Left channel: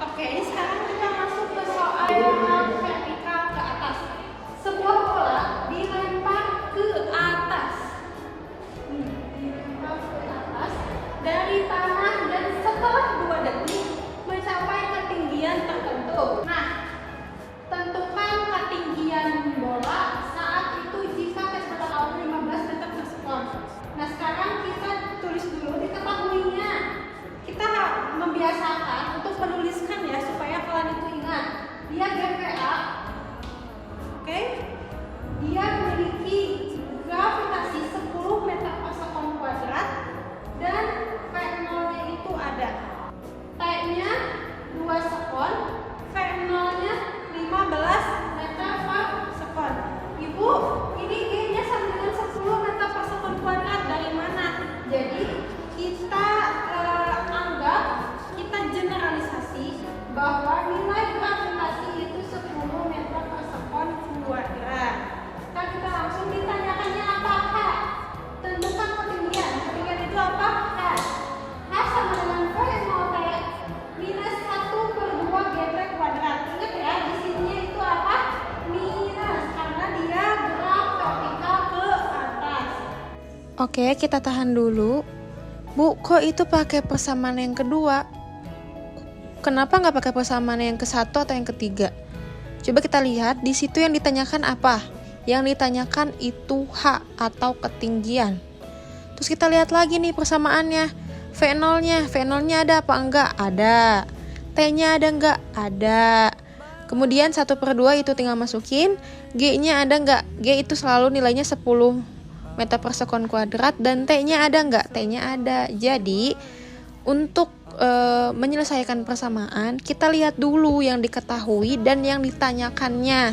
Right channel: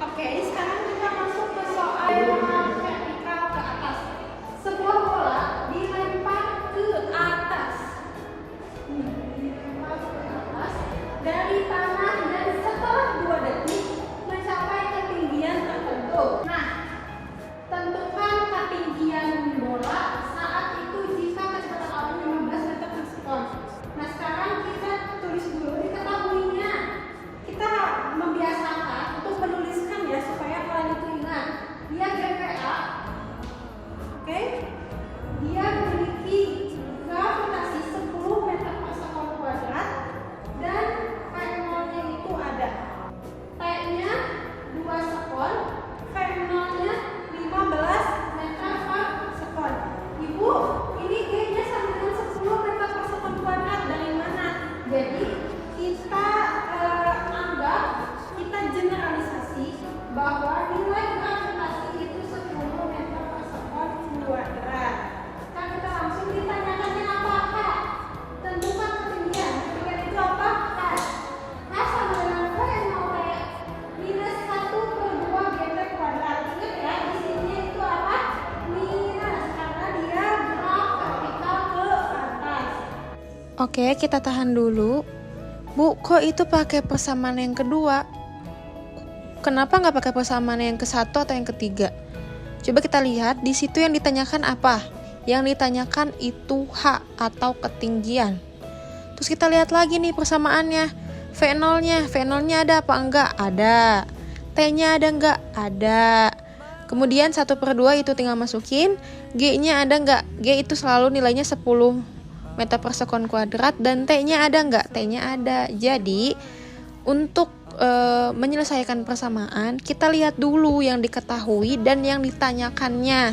Oke, sekarang kita masuk ke soal vertikal ke atas. Sebuah bola dilempar ke atas. Dilempar ke atas dari tanah dan setelah 2 detik mencapai ketinggian tertentu. Nah, tentukan ketinggian bola saat itu jika kecepatan awalnya 15 meter per sekon. Nah, sekarang kita tulis dulu diketahuinya. Kita membiasakan untuk menuliskan ya supaya kalian itu ingat. Dia GPA, oke? Dia memiliki gravitasi 10 meter per sekon kuadrat dan V0-nya itu ada. T-nya 2 sekon, V0-nya 15 meter per sekon. Ibu, ini G-nya sama dengan 10 meter per sekon kuadrat. Dari mana? Jadi kita anggap, kita generalisasi bahwa nilai gravitasi itu 10 meter per sekon kuadrat. Kan kita langsung ditanyakannya apa? H. Tentukan ketinggian. Ketinggian itu apa? H. H sama dengan V0T minus 1 per 2 GT kuadrat. Ingat ya, di sininya itu apa? Minus, karena dia graf vertikal ke atas. Oke, kita tahan dulu. Bu, kok itu pakai persamaan yang kedua? Kenapa nggak pakai persamaan yang ke-1 atau yang ketiga? Coba kita lihat, di situ yang ditanyakan apa? Yang ditanyakan itu H atau ketinggian. Terus kita lihat lagi nih persamaannya. V0-nya ada apa enggak? Ada. T-nya ada enggak? Ada. Kemudian 1/2 itu tinggal masukin. G-nya ada enggak? G itu selalu nilainya 10 meter per sekon kuadrat dan T-nya ada enggak? T-nya ada. Jadi untuk menyelesaikan persamaan, kita lihat dulu yang diketahui dan yang ditanyakannya.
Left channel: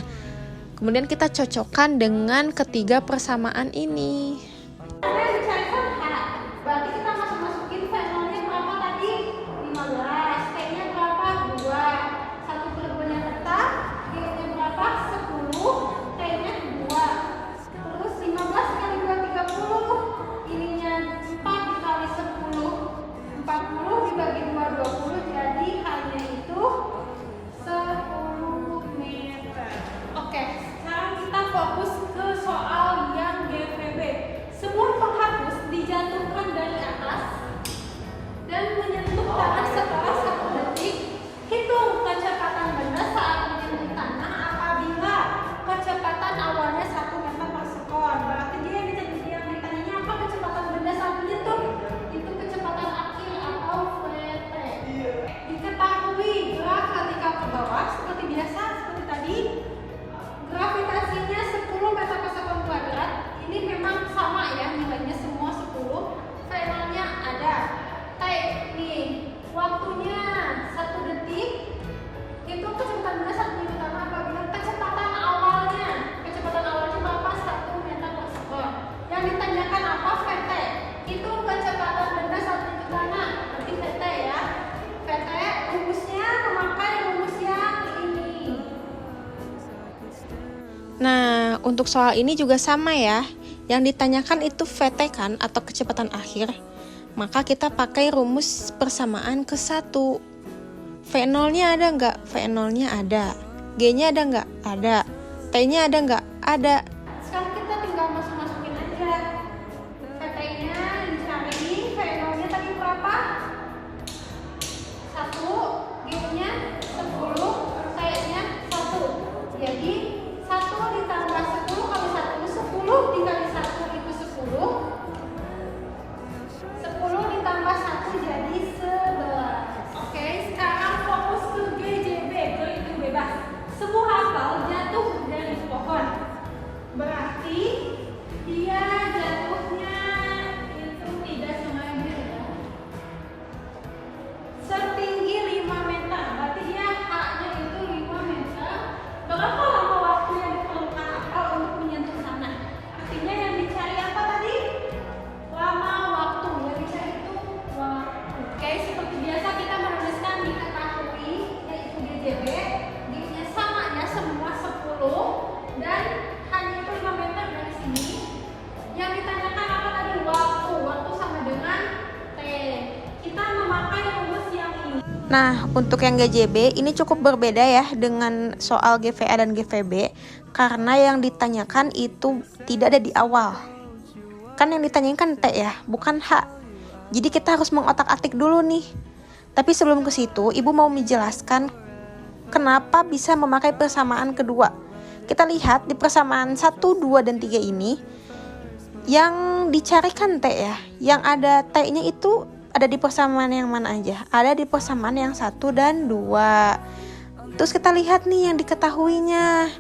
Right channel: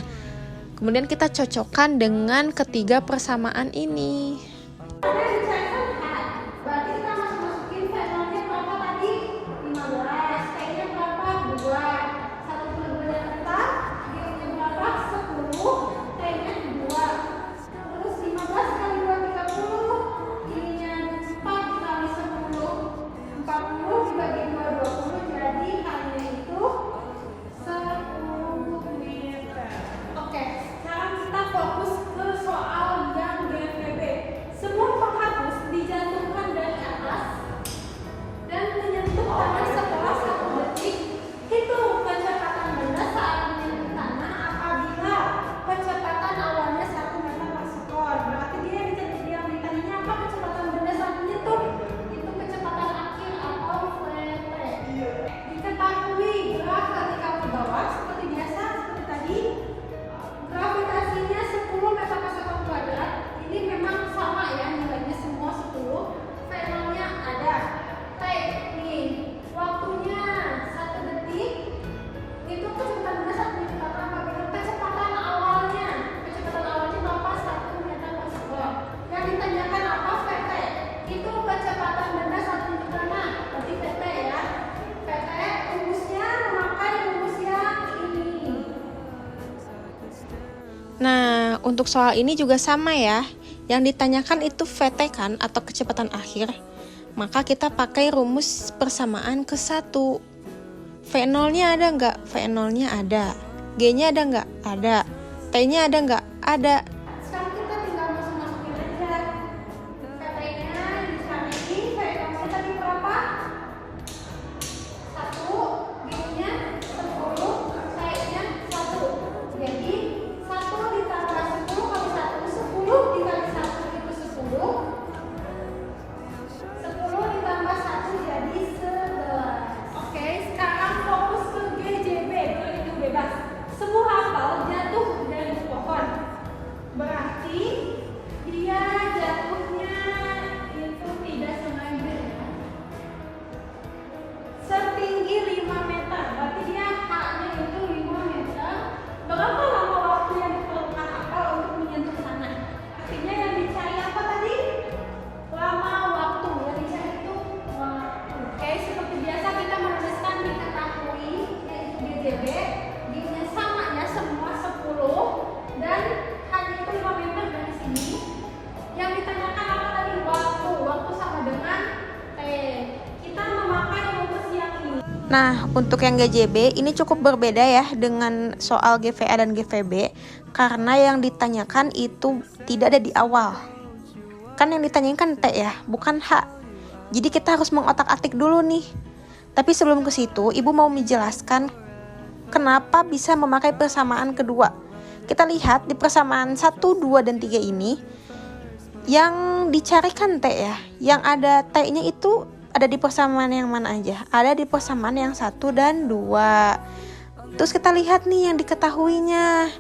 Kemudian kita cocokkan dengan ketiga persamaan ini. Yang dicarikan H, berarti kita masukin V0-nya berapa tadi? 15, T-nya berapa? 2, 1/2-nya tetap, G-nya berapa? 10, T-nya 2, terus 15 kali 2, 30, ininya 4 dikali 10, 40 dibagi 2, 20, jadi H-nya itu 10 meter. Oke, sekarang kita fokus ke soal yang GVB. Sebuah penghapus dijatuhkan dari atas dan menyentuh tanah setelah 1 detik. Hitung kecepatan benda saat menyentuh tanah apabila kecepatan awalnya 1 meter per sekon. Berarti dia yang ditanya apa kecepatan benda saat menyentuh? Itu kecepatan akhir atau VT. Diketahui graf vertikal ke bawah seperti biasa, seperti tadi. Gravitasinya 10 meter per sekon kuadrat. Ini memang sama ya, nilainya semua 10. V0-nya ada. T nih, waktunya 1 detik. Itu kecepatan benda saat menyentuh tanah apabila kecepatan awalnya berapa? 1 meter per sekon. Yang ditanyakan apa? VT. Itu kecepatan benda saat menyentuh tanah. Berarti VT ya. VT rumusnya memakai rumus yang ini. Nah, untuk soal ini juga sama ya. Yang ditanyakan itu VT kan atau kecepatan akhir. Maka kita pakai rumus persamaan ke-1. V0-nya ada nggak? V0-nya ada. G-nya ada nggak? Ada. T-nya ada nggak? Ada. Sekarang kita tinggal masukin aja. VT-nya dicari, V0-nya tadi berapa? 1, G-nya 10, T-nya 1. Jadi 1 ditambah 10 kali 1, 10 dikali 1 itu 10. 10 ditambah 1 jadi 11. Oke, sekarang fokus ke GJB, berhitung bebas. Sebuah apel jatuh dari pohon. Berarti dia jatuhnya itu tidak sengaja. Setinggi 5 meter, berarti dia H-nya itu 5 meter. Berapa lama waktu yang diperlukan apel untuk menyentuh tanah? Artinya yang dicari apa tadi? Lama waktu. Yang dicari itu waktu. Oke, seperti biasa kita menuliskan diketahui yaitu GJB. G-nya sama ya, semua 10 dan hanya itu 5 meter dari sini. Yang ditanyakan apa tadi? Waktu. Waktu sama dengan T. Kita memakai rumus yang ini. Nah, untuk yang GJB ini cukup berbeda ya dengan soal GVA dan GVB, karena yang ditanyakan itu tidak ada di awal. Kan yang ditanyakan kan T ya, bukan H. Jadi kita harus mengotak-atik dulu nih. Tapi sebelum ke situ, Ibu mau menjelaskan kenapa bisa memakai persamaan kedua. Kita lihat di persamaan 1, 2, dan 3 ini, yang dicarikan T ya, yang ada T-nya itu ada di persamaan yang mana aja? Ada di persamaan yang 1 dan 2. Terus kita lihat nih yang diketahuinya.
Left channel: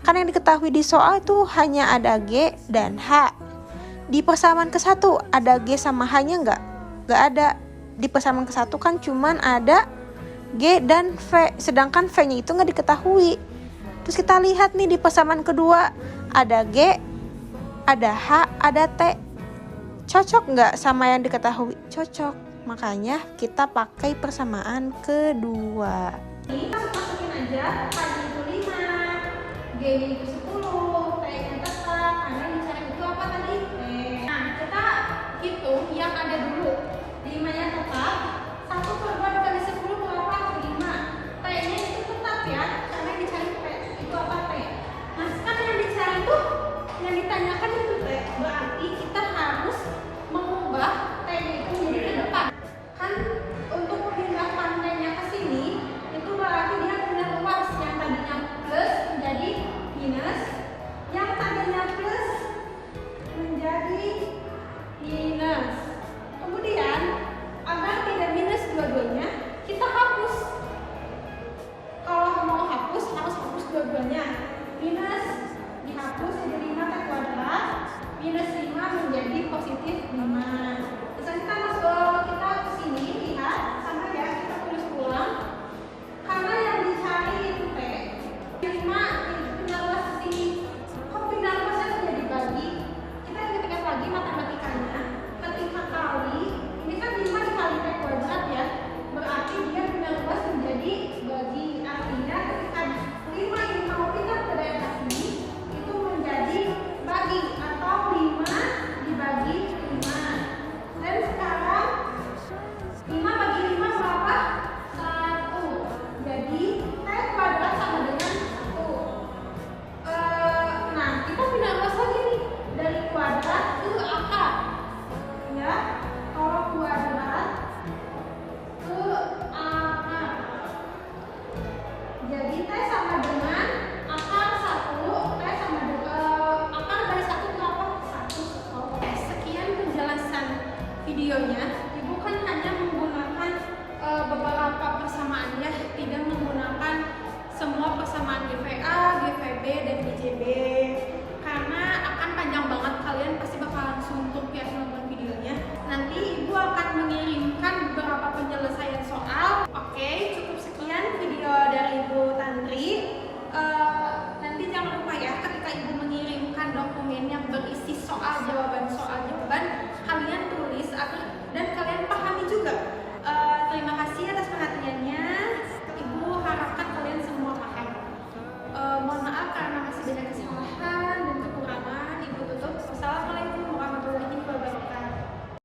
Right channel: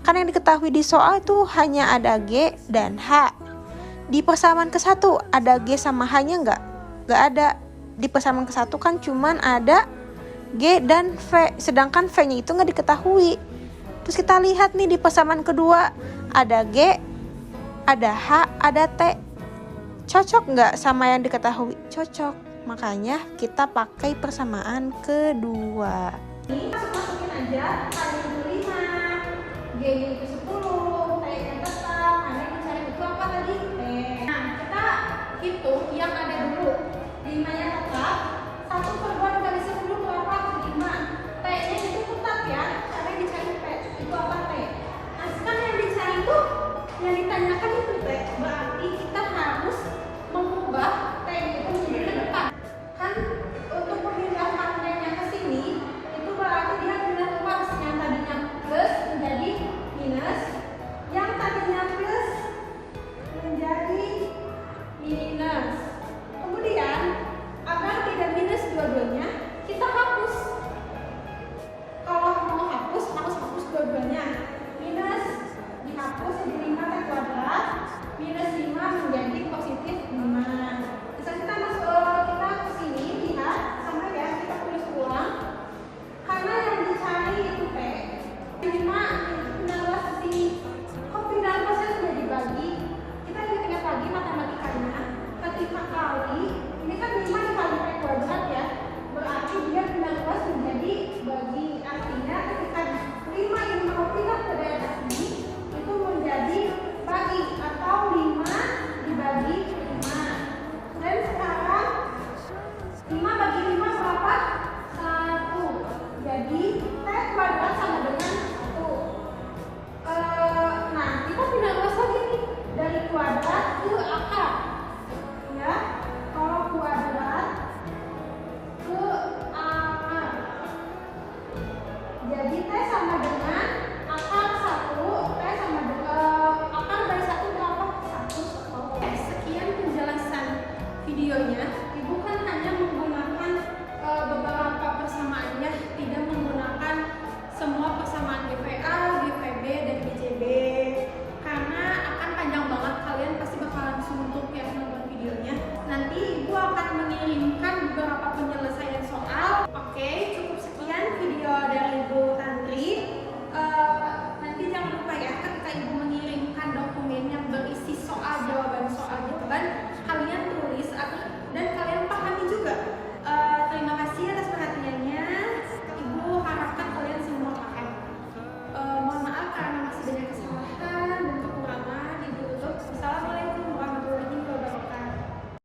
Kan yang diketahui di soal itu hanya ada G dan H. Di persamaan ke-1 ada G sama H-nya nggak? Nggak ada. Di persamaan ke-1 kan cuman ada G dan V. Sedangkan V-nya itu nggak diketahui. Terus kita lihat nih di persamaan kedua ada G, ada H, ada T. Cocok nggak sama yang diketahui? Cocok. Makanya kita pakai persamaan kedua. Ini masukin aja, K itu 5, G itu 10, T-nya tetap, karena yang dicari itu apa tadi? T. Nah, kita hitung yang ada dulu. 5-nya tetap, 1/2 dari 10 berapa? 5. T-nya itu tetap ya, karena yang dicari T. Itu apa T? Nah, sekarang yang dicari itu, yang ditanyakan itu T. Berarti kita harus mengubah T itu menjadi ke depan. Kan untuk memindahkan T-nya ke sini, itu berarti dia pindah luas. Yang tadinya plus menjadi minus, yang tadinya plus menjadi minus. Kemudian agar tidak minus dua-duanya, kita hapus. Kalau mau hapus, harus hapus dua-duanya. Minus dihapus jadi 5 T kuadrat, minus 5 menjadi positif 5. Terus kita ke sini, lihat sama ya, kita tulis ulang. Karena yang dicari itu P, 5 pindah luas ke sini. Kok pindah luasnya sudah dibagi? Kita ingat-ingat lagi matematikanya. Ketika kali, ini kan 5 dikali P kuadrat ya, berarti dia pindah luas menjadi bagi. Artinya ketika 5 ini mau pindah ke daerah sini, itu menjadi bagi atau 5 dibagi 5. Dan sekarang 5 bagi 5 berapa? 1. Jadi T kuadrat sama dengan 1. Nah, kita pindah luas lagi nih, dari kuadrat ke akar. Ya, kalau kuadrat ke akar. Jadi T sama dengan akar 1. T sama dengan akar dari 1 berapa? 1. Oke, sekian penjelasan videonya. Ibu kan hanya menggunakan beberapa persamaan ya, tidak menggunakan semua persamaan GVA, GVB, dan GJB. Karena akan panjang banget, kalian pasti bakalan suntuk ya nonton videonya. Nanti Ibu akan mengirimkan beberapa penyelesaian soal. Oke, cukup sekian video dari Ibu Tantri. Nanti jangan lupa ya, ketika Ibu mengirimkan dokumen yang berisi soal jawaban, kalian tulis dan kalian pahami juga. Terima kasih atas perhatiannya.